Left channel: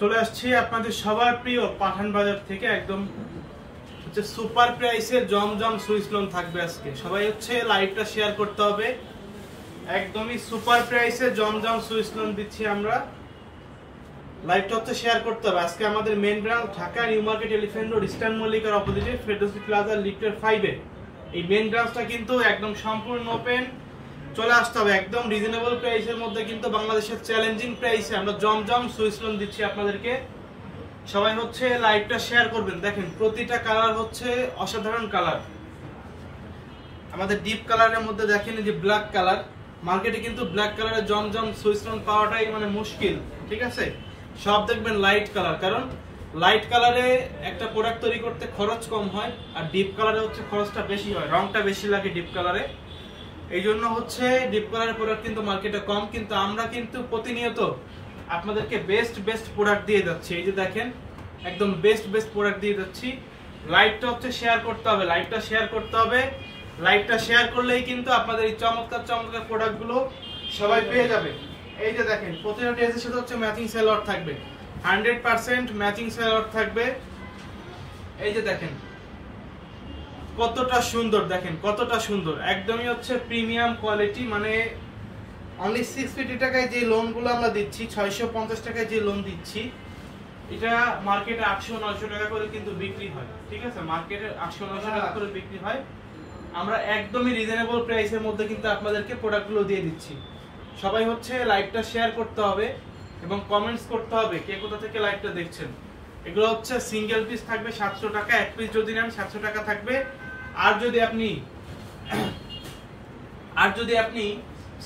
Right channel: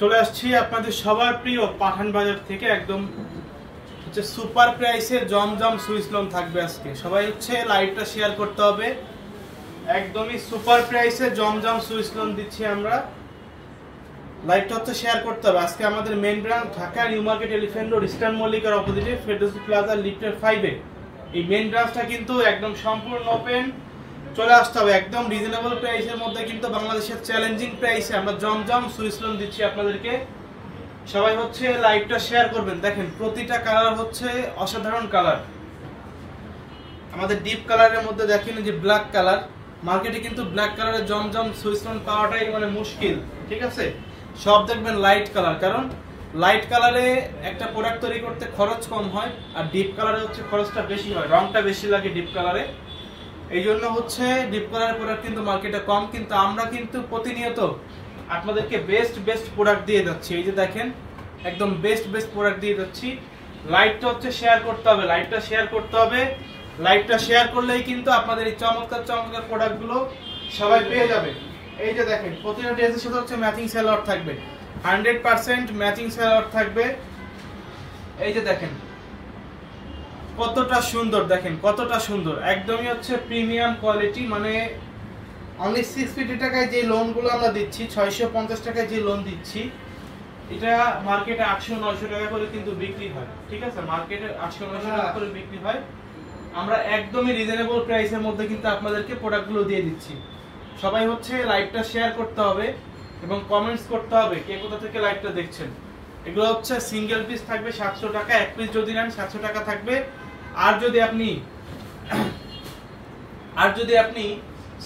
চলে আসছি আপনাদের সবার প্রিয় পাঠান বাজার থেকে একদম হচ্ছে সুপার প্রাইসের জমজম সুইস লোন থাকবে আজকে। সবাই হচ্ছে লাইভটা শেয়ার করতে হবে। একদমই সুপার প্রাইসে জমজম সুইস লোন দিচ্ছি আমরা। লাইভটা হচ্ছে শেয়ার করতে হবে। আজকে আমাদের main branch Dhaka new market elephant road eastern মল্লিকার অপোজিটে ফেরদৌসি প্লাজা লিফটের 5 এ এই মেন ব্রাঞ্চটা কিন্তু একদম সম্পূর্ণ ওপেন। চলে আসতে হবে একদম রিজনেবল প্রাইসের মধ্যে, কিন্তু বাংলাদেশের চ্যালেঞ্জিং প্রাইসে আমরা জমজম সুইস লোন দিচ্ছি আপনাদেরকে। সবাই হচ্ছে লাইভটা শেয়ার করবেন। দেখেন প্রতিটা কালার হচ্ছে অসাধারণ কালার। আমাদের ডিপ কালারের মধ্যে দেখেন যে ব্ল্যাক কালার, মার্কেটে কিন্তু ব্ল্যাক কালারের জমজম সুইস লোন পাওয়াটাই মানে মুশকিল, ঠিক আছে। সব দেখবেন লাইট কালার, কারণ লাইট কালারে একটা প্রোডাক্ট তৈরি করতে খরচ কম হয়, আর ডিপ কালারে হচ্ছে খরচটা বেশি হয়, রংটা বেশি লাগে ডিপ কালারে। এই জন্য হচ্ছে ডিপ কালারের প্রোডাক্ট কিন্তু মার্কেটে কম, কিন্তু আমরা কিন্তু প্রতিনিয়ত আপনাদেরকে বেস্ট প্রোডাক্ট দিয়ে যাচ্ছি। এই যে দেখেন একদম বেস্ট প্রোডাক্ট দিয়ে যাচ্ছি। লাইভটা হচ্ছে শেয়ার করতে হবে, লাইভটা শেয়ার করতে হবে। লাইভটা শেয়ার করলেই কিন্তু আপনাদের এই চমৎকার প্রোডাক্টগুলো সবাই পেয়ে যাবে। এই যে দেখেন প্রতিটা ড্রেসের সাথে হচ্ছে ম্যাচিং সালোয়ার থাকবে, 100% ম্যাচিং সালোয়ার থাকবে। এই যে দেখেন কতটা সুন্দর, দেখেন কতটা সুন্দর, একদমই হচ্ছে প্রিমিয়াম কোয়ালিটি। মানে অনলি 650 টাকায় যে লোনগুলো আমরা দিচ্ছি, 650 টাকায় যে লোন দিচ্ছি, এটা মার্কেটে 800-900 টাকা করে কিন্তু বিক্রি হয়, ঠিক আছে। মার্কেটে 800-900 টাকা করে বিক্রি হয়। আমরা একদমই রিজনেবল প্রাইসের মধ্যে কিন্তু আপনাদেরকে প্রোডাক্টগুলো দিয়ে দিচ্ছি। সবাই হচ্ছে লাইভটা শেয়ার করতে হবে এবং কমেন্টস করতে হবে কে কোথা থেকে লাইভটা দেখছেন। এগুলো হচ্ছে সিঙ্গেল পিস থাকবে 700 টাকা, এক পিস যদি নেন 700 টাকা থাকবে। আর যদি আপনি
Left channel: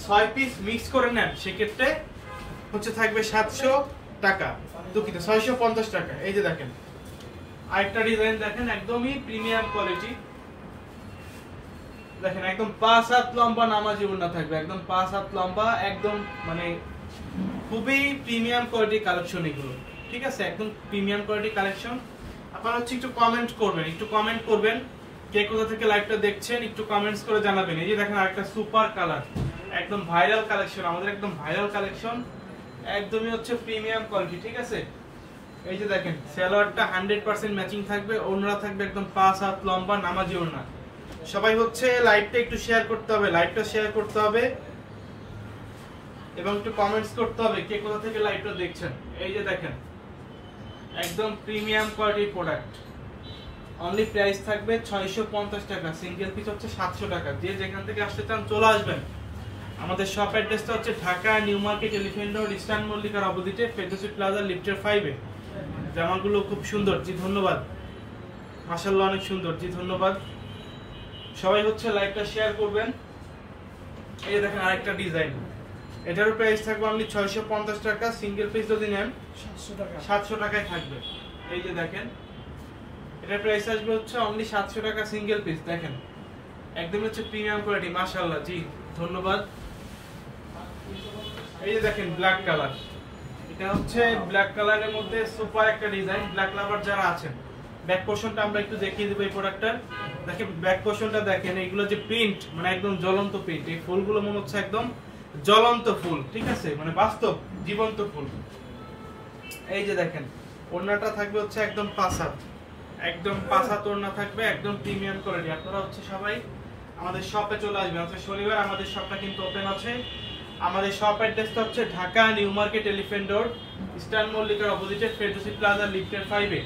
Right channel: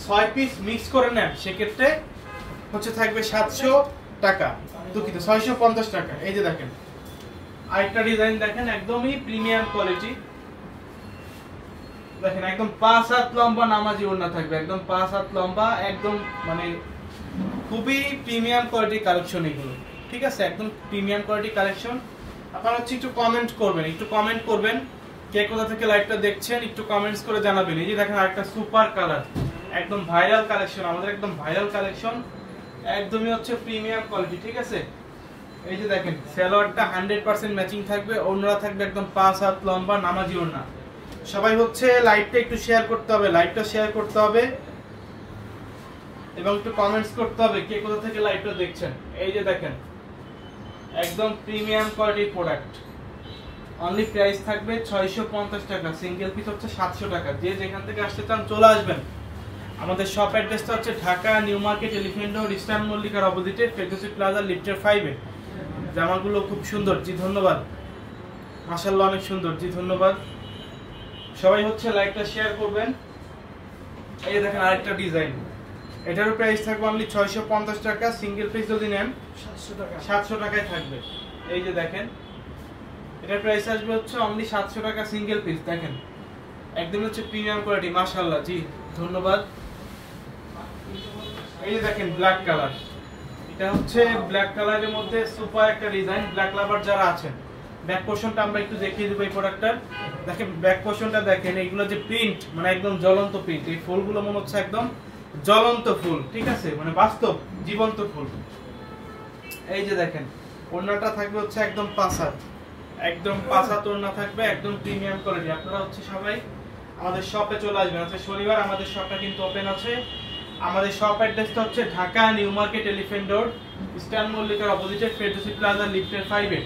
6 পিস মিক্স করে নেন সেক্ষেত্রে হচ্ছে থাকবে 700 টাকা, দুঃখিত 650 টাকা। এই যে দেখেন আরেকটা ডিজাইন দেখেন, একদমই প্রিমিয়াম কোয়ালিটি। দেখেন একদম 5 হাত লম্বা নামাজি ওড়না থাকবে, একদম 5 হাত লম্বা, একদম মানে খুবই প্রিমিয়াম কোয়ালিটি কালেকশন এগুলো, ঠিক আছে। একদম প্রিমিয়াম কোয়ালিটি কালেকশন। আপনারা হচ্ছে একটু কমেন্ট করবেন কে কোথা থেকে লাইভটা দেখছেন, একটু কমেন্টস করে জানাবেন। এই যে দেখেন আরেকটা সুপার কালার, একদম ভাইরাল কালেকশন, আমাদের একদম ভাইরাল কালেকশন, একদমই হচ্ছে প্রিমিয়াম কোয়ালিটি, ঠিক আছে। এই যে দেখেন সালোয়ারটা 100% ম্যাচিং থাকবে, ওড়না থাকবে একদম 5 হাত লম্বা নামাজি ওড়না। সবাই হচ্ছে লাইভটা একটু শেয়ার করতে হবে, লাইভটা শেয়ার করতে হবে এবং একটু কমেন্টস করতে হবে কে কোথা থেকে লাইভটা দেখছেন। এই যে দেখেন একদম premium quality product. Only price থাকবে 650 টাকা, সিঙ্গেল পিস হচ্ছে 700 টাকা। যে যেখান থেকে আসতে চান চলে আসবেন। আমাদের শপ অ্যাড্রেসটা হচ্ছে Dhaka new market elephant road eastern মল্লিকার অপোজিটে ফেরদৌসি প্লাজা লিফটের 5 এ। জামাগুলো খুব সুন্দর, জি ধন্যবাদ, মাশাআল্লাহ অনেক সুন্দর, জি ধন্যবাদ। সবাই হচ্ছে লাইভটা শেয়ার করবেন। এই যে দেখেন আরেকটা ডিজাইন, এটার প্রাইস থাকবে অনলি 650 টাকা, সিঙ্গেল পিস যদি নেন 700 টাকায় থাকবে। এই যে দেখেন এটার প্রাইস আসবে হচ্ছে অনলি 700 টাকা সিঙ্গেল পিস। দেখেন একদম হচ্ছে প্রিমিয়াম কোয়ালিটি, মাশাআল্লাহ, জি ধন্যবাদ। এই যে দেখেন ব্ল্যাক কালার, এটা হচ্ছে ব্ল্যাক কালারের মধ্যে সুপার একটা ডিজাইন। ব্ল্যাক লাভার যারা আছেন, ব্যাক পোরশনটা আমরা একটু দেখিয়ে দেব। এই প্রোডাক্টটার দেখেন ব্যাক পোরশনটা দেখেন, এইগুলো যে প্রিন্ট মানে একদম জ্বলন্ত প্রিন্ট। এই ফুলগুলো মনে হচ্ছে একদম জ্বলন্ত ফুল, ঠিক আছে, মানে বাস্তব জীবন্ত ফুল। এই যে দেখেন ওড়নাটা থাকবে হচ্ছে একদম 5 হাত, একদম 5 হাত ওড়না থাকবে, একদম প্রিমিয়াম কোয়ালিটি। আপনারা হচ্ছে সবাই আমাদের শপে চলে আসবেন। আজকে শনিবার আমাদের শপটা কিন্তু ওপেন আছে। আমাদের শপ অ্যাড্রেসটা হচ্ছে Dhaka new market elephant road eastern মল্লিকার অপোজিটে ফেরদৌসি প্লাজা লিফটের 5 এ।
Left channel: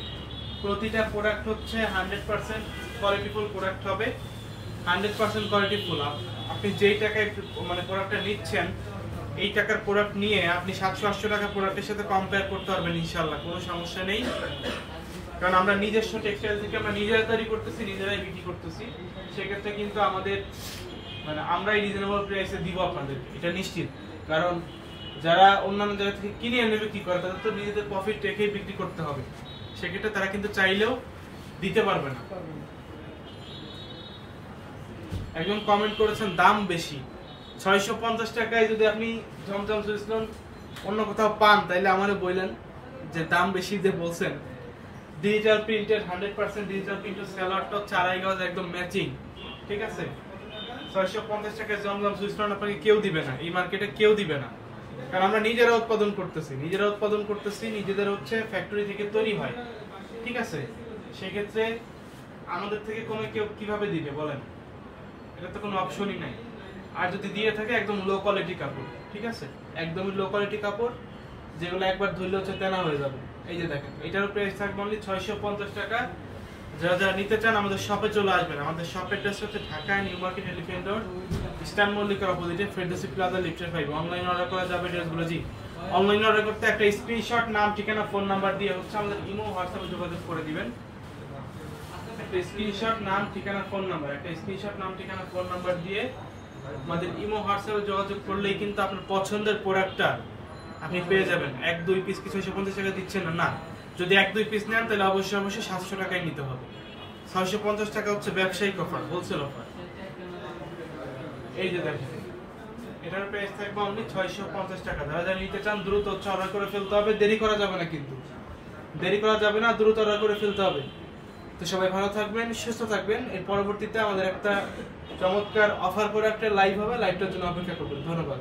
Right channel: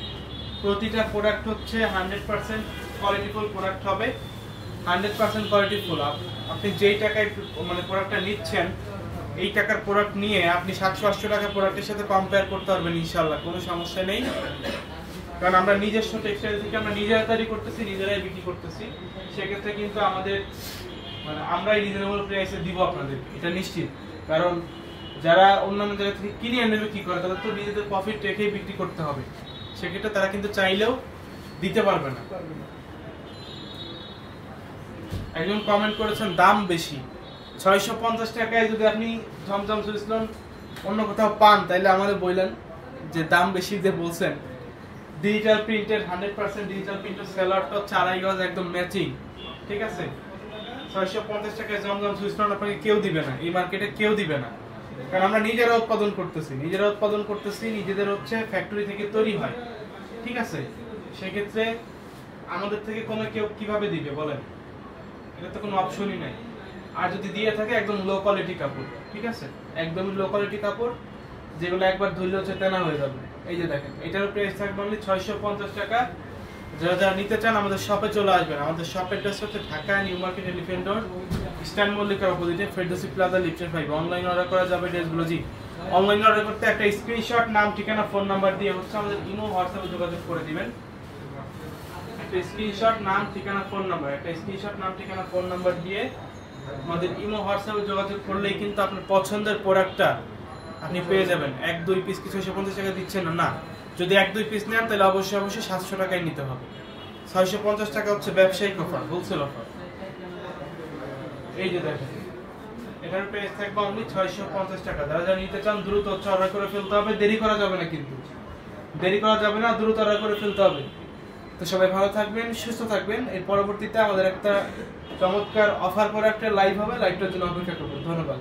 প্রতিটা প্রোডাক্ট হচ্ছে 100% কোয়ালিটিফুল প্রোডাক্ট হবে, 100% কোয়ালিটিফুল। আপনি যেই টাকায় মানে প্রোডাক্টটা নিচ্ছেন, এই টাকার প্রোডাক্ট নিয়ে আপনি 700-800 টাকা প্রোডাক্টের সাথে কম্পেয়ার করতে পারবেন ইনশাআল্লাহ, কোনো সমস্যা নেই। কারণ আমরা নিজস্ব টেক্সটাইল থেকে আমরা নিজেরা তৈরি করতেছি, নিজেরাই বিক্রি করতেছি। সেক্ষেত্রে কিন্তু আমাদের মানে আমরাই রিজনেবল প্রাইসে দিব আপনাদের, এটা নিশ্চিত। কারণ যারা অন্যান্য জায়গা থেকে কিনে এনে বিক্রি করে তাদের তো নিজেদের প্রফিট রেখেই বিক্রি করতে হবে, সেক্ষেত্রে তারা কিন্তু চাইলেও দিতে পারবে না। একজন কমেন্ট করেছেন দাম বেশি, 650 টাকায় যদি আপনি জমজম সুইস লোন অন্য কোথাও পান তাইলে আমাদের বললেন যে দাম বেশি যে বলছেন। ডিজিটাল প্রিন্টের 100% ডিজিটাল প্রিন্টের সালোয়ারটা হচ্ছে 2.5 গজ একদম ম্যাচিং, ঠিক আছে। 650 টাকায় জমজম সুইস লোন আপনাকে কেউ দিবে না, এই মার্কেটে কেউ দিবে না। কারণ আমরা নিজেরা উৎপাদন করতেছি, নিজেদের হচ্ছে ফ্যাক্টরি থেকে তৈরি হয়, ঠিক আছে। সেক্ষেত্রে আমাদের থেকে কমে কেউ কিভাবে দিবে বলেন, এটা তো কোনো অপশনই নাই। আর যদি দিয়ে থাকে একদম লো কোয়ালিটি কাপড়, ঠিক আছে, একদমই লো কোয়ালিটি কাপড়, যেগুলো একবার ধুইলে হচ্ছে তেনা হয়ে যাবে। এই যে দেখেন, এটারও প্রাইস থাকবে অনলি 650 টাকা। যারা নিতে চান আমাদের শপে চলে আসবেন। আমাদের শপের অ্যাড্রেস হচ্ছে Dhaka new market elephant road, stand মল্লিকার অপোজিটে, ফেরদৌসি প্লাজা লিফটের 5। অনলাইন অর্ডার করা যাবে ড্রেসগুলো। জি, অনলাইন অর্ডার করতে একটা স্ক্রিনশট, নাম, ঠিকানা, ফোন নাম্বার দিয়ে হচ্ছে আমাদের ইমো হোয়াটসঅ্যাপে যোগাযোগ করে দিবেন। একটা স্ক্রিনশট, নাম, ঠিকানা, ফোন নাম্বার দিয়ে আমাদের ইমো হোয়াটসঅ্যাপে যোগাযোগ করলেই কিন্তু আপনার পছন্দের প্রোডাক্টটা আপনি পেয়ে যাবেন। 1-2 পিস কি 650 টাকা দিচ্ছেন না, যদি 1-2 পিস নেন তাহলে অবশ্যই 700 টাকায় নিতে হবে। 650 টাকা হচ্ছে ব্যবসায়িক অফার, হোলসেল অফার। এই যে দেখেন, এটার প্রাইস থাকবে অনলি 650 টাকা। যারা নিতে চান দ্রুত হচ্ছে অর্ডার করে ফেলতে হবে, দেরি করা যাবে না, কিন্তু দেরি করা যাবে না, দ্রুত অর্ডার করে ফেলতে হবে। তো সবাই ভালো থাকবেন, সুস্থ থাকবেন। এর পরবর্তীতে আমাদের একটা চমৎকার অফার করে একটা লাইভ হবে, লাইভটার জন্য অপেক্ষা করবেন। ধন্যবাদ।